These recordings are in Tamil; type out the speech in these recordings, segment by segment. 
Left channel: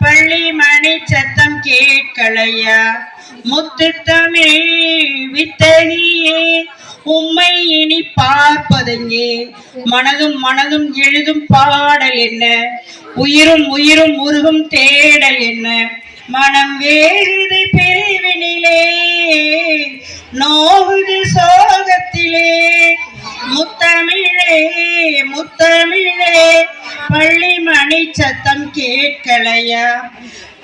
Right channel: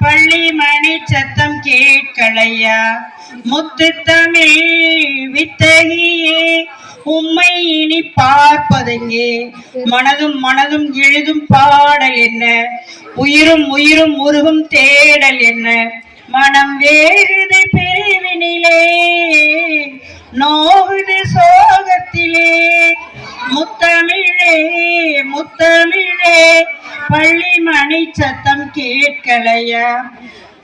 பள்ளி மணி சத்தம் கேட்கலையா முத்து தமிழ் வித்தகியே உம்மை இனி பார்ப்பதெங்கே மனதும் மனதும் எழுதும் பாடல் என்ன உயிரும் உயிரும் உருகும் தேடல் என்ன மனம் வேறுதை பிரிவினிலே நோகுது சோகத்திலே முத்தமிழே முத்தமிழே பள்ளி மணி சத்தம் கேட்கலையா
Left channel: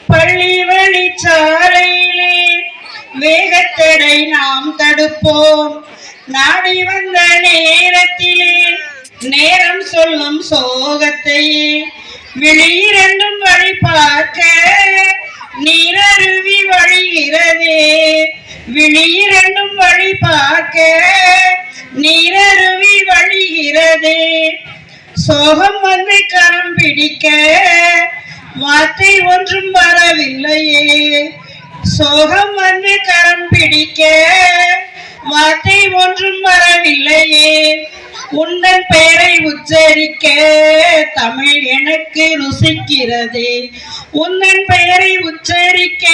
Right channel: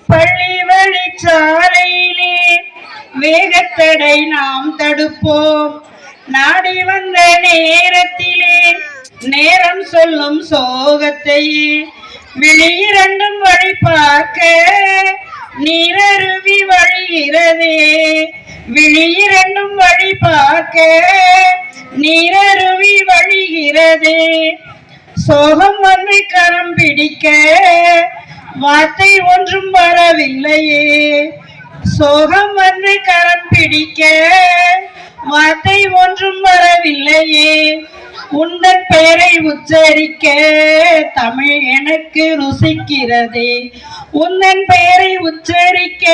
பள்ளி வழிச்சாலையிலே வேகத்தடை நாம் தடுப்போம் நாடி வந்த நேரத்திலே நேரம் சொல்லும் சோகத்தையே விழியிரண்டும் வழி பார்க்க நீரருவி வழிகிறதே விழியிரண்டும் வழி பார்க்க நீரருவி வழிகிறதே சோகம் வந்து கரம் பிடிக்க வார்த்தை ஒன்றும் வரவில்லையே சோகம் வந்து கரம் பிடிக்க வார்த்தை ஒன்றும் வரவில்லையே உந்தன் பெயரை உச்சரிக்க தமிழ் எனக்கு ருசிக்கிறதே உந்தன் பெயரை உச்சரிக்க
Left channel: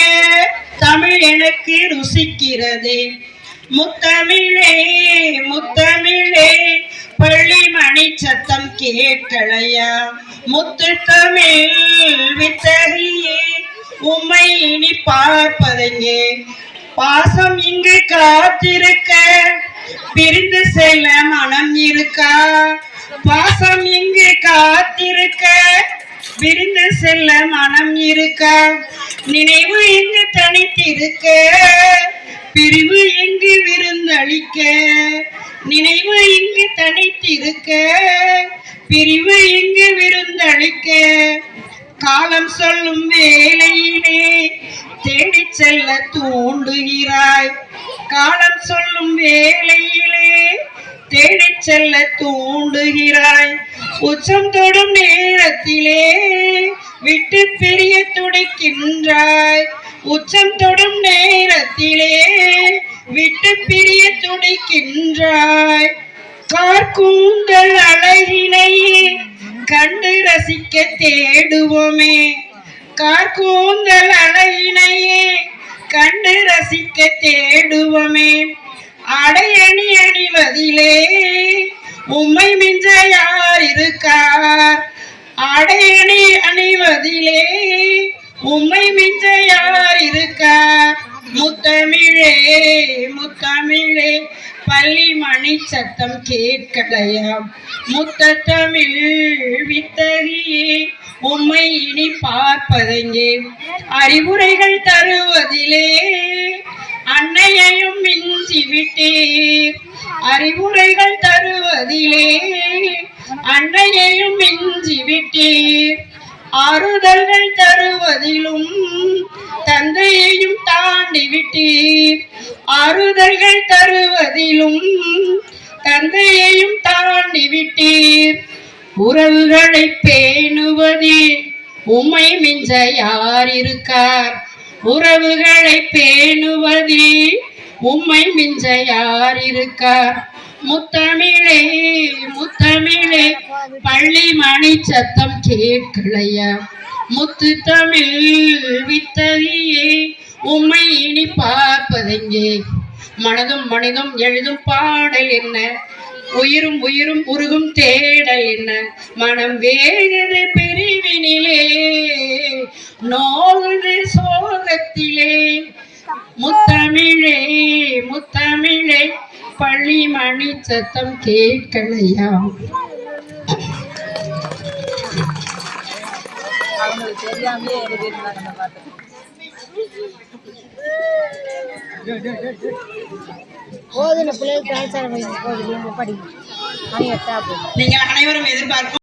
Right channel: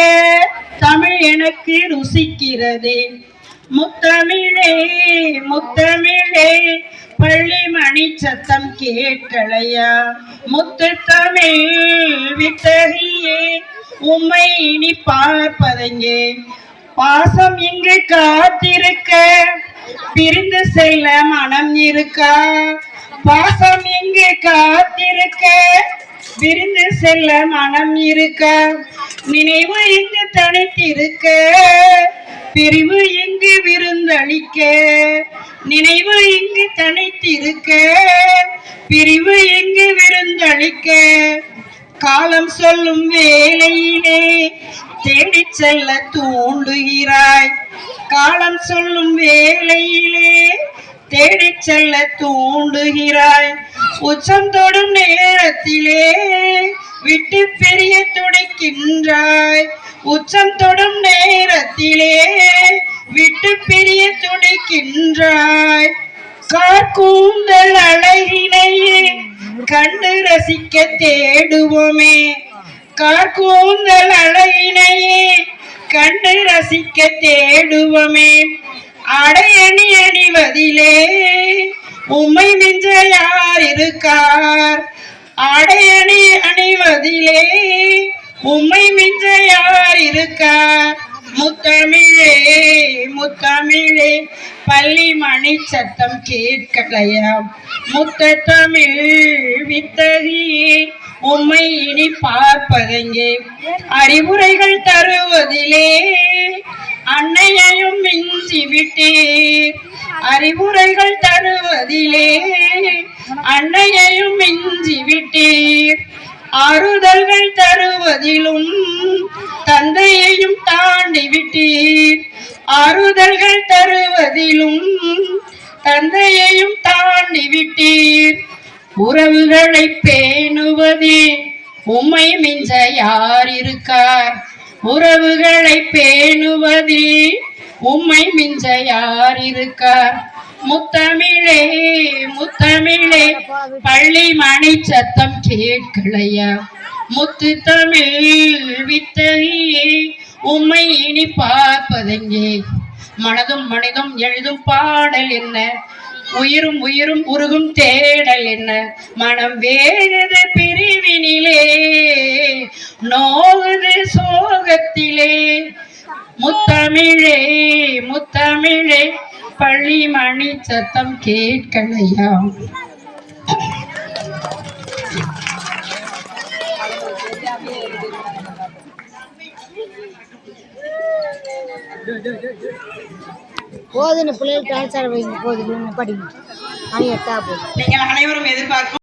தமிழ் எனக்கு ருசிக்கிறதே முத்தமிழே முத்தமிழே பள்ளி மணி சத்தம் கேட்கலையா முத்து தமிழ் வித்தகியே உம்மை இனி பார்ப்பதெங்கே பாசம் இங்கு காத்திருக்க பிரிந்து செல்ல மனம் இருக்கா பாசம் இங்கு காத்திருக்க பிரிந்து செல்ல மனம் இருக்கா நினைவு இங்கு தனித்திருக்க பிரிவு இங்கு விருந்தளிக்க நினைவு இங்கு தனித்திருக்க பிரிவு இங்கு விருந்தளிக்க காலம் சொல்லும் வேளையிலே தேடி செல்ல தூண்டுகிறாய் காலம் சொல்லும் வேளையிலே தேடி செல்ல தூண்டுகிறாய் உச்சம் தொடும் நேரத்திலே விட்டு பிரிய துடிக்கின்றாய் உச்சம் தொடும் நேரத்திலே விட்டு பிரிய துடிக்கின்றாய் கார்கூந்தல் அழகினையே கண்டு ரசிக்க தேடுவோமே கார்கூந்தல் அழகினையே கண்டு ரசிக்க தேடுவோமே அடையணி அணிவதிலே உம்மை மிஞ்ச யார் இருக்கார் அடையணி அணிவதிலே உம்மை மிஞ்ச யார் இருக்கார் முத்தமிழே முத்தமிழே பள்ளி மணி சத்தம் கேட்கலையா முத்த தமிழ் வித்தகியே உம்மை இனி பார்ப்பதெங்கே அறிவுரைகள் தருவதிலே அன்னையையும் மிஞ்சி விட்டீர் அறிவுரைகள் தருவதிலே அன்னையையும் மிஞ்சி விட்டீர் ஆறுதல்கள் தருவதிலும் தந்தையையும் தாண்டி விட்டீர் ஆறுதல்கள் தருவதிலும் தந்தையையும் தாண்டி விட்டீர் உறவுகளை பேணுவதே உம்மை மிஞ்ச யார் இருக்கார் உறவுகளை பேணுவதே உம்மை மிஞ்ச யார் இருக்கார் முத்தமிழே முத்தமிழே பள்ளி மணி சத்தம் கேட்கலையா முத்து தமிழ் வித்தகியே உம்மை இனி பார்ப்பதெங்கே மனதும் மனிதம் எழுதும் பாடல் என்ன உயிரும் உயிரும் உருகும் தேடல் என்ன மனம் வேகுது பிரிவினிலே நோகுது சோகத்திலே முத்தமிழே முத்தமிழே பள்ளி மணி சத்தம் கேட்கலையா போதுன பிள்ளைகள் படிங்க நீங்கள் அனைவரும் எதிர்பார்க்கும்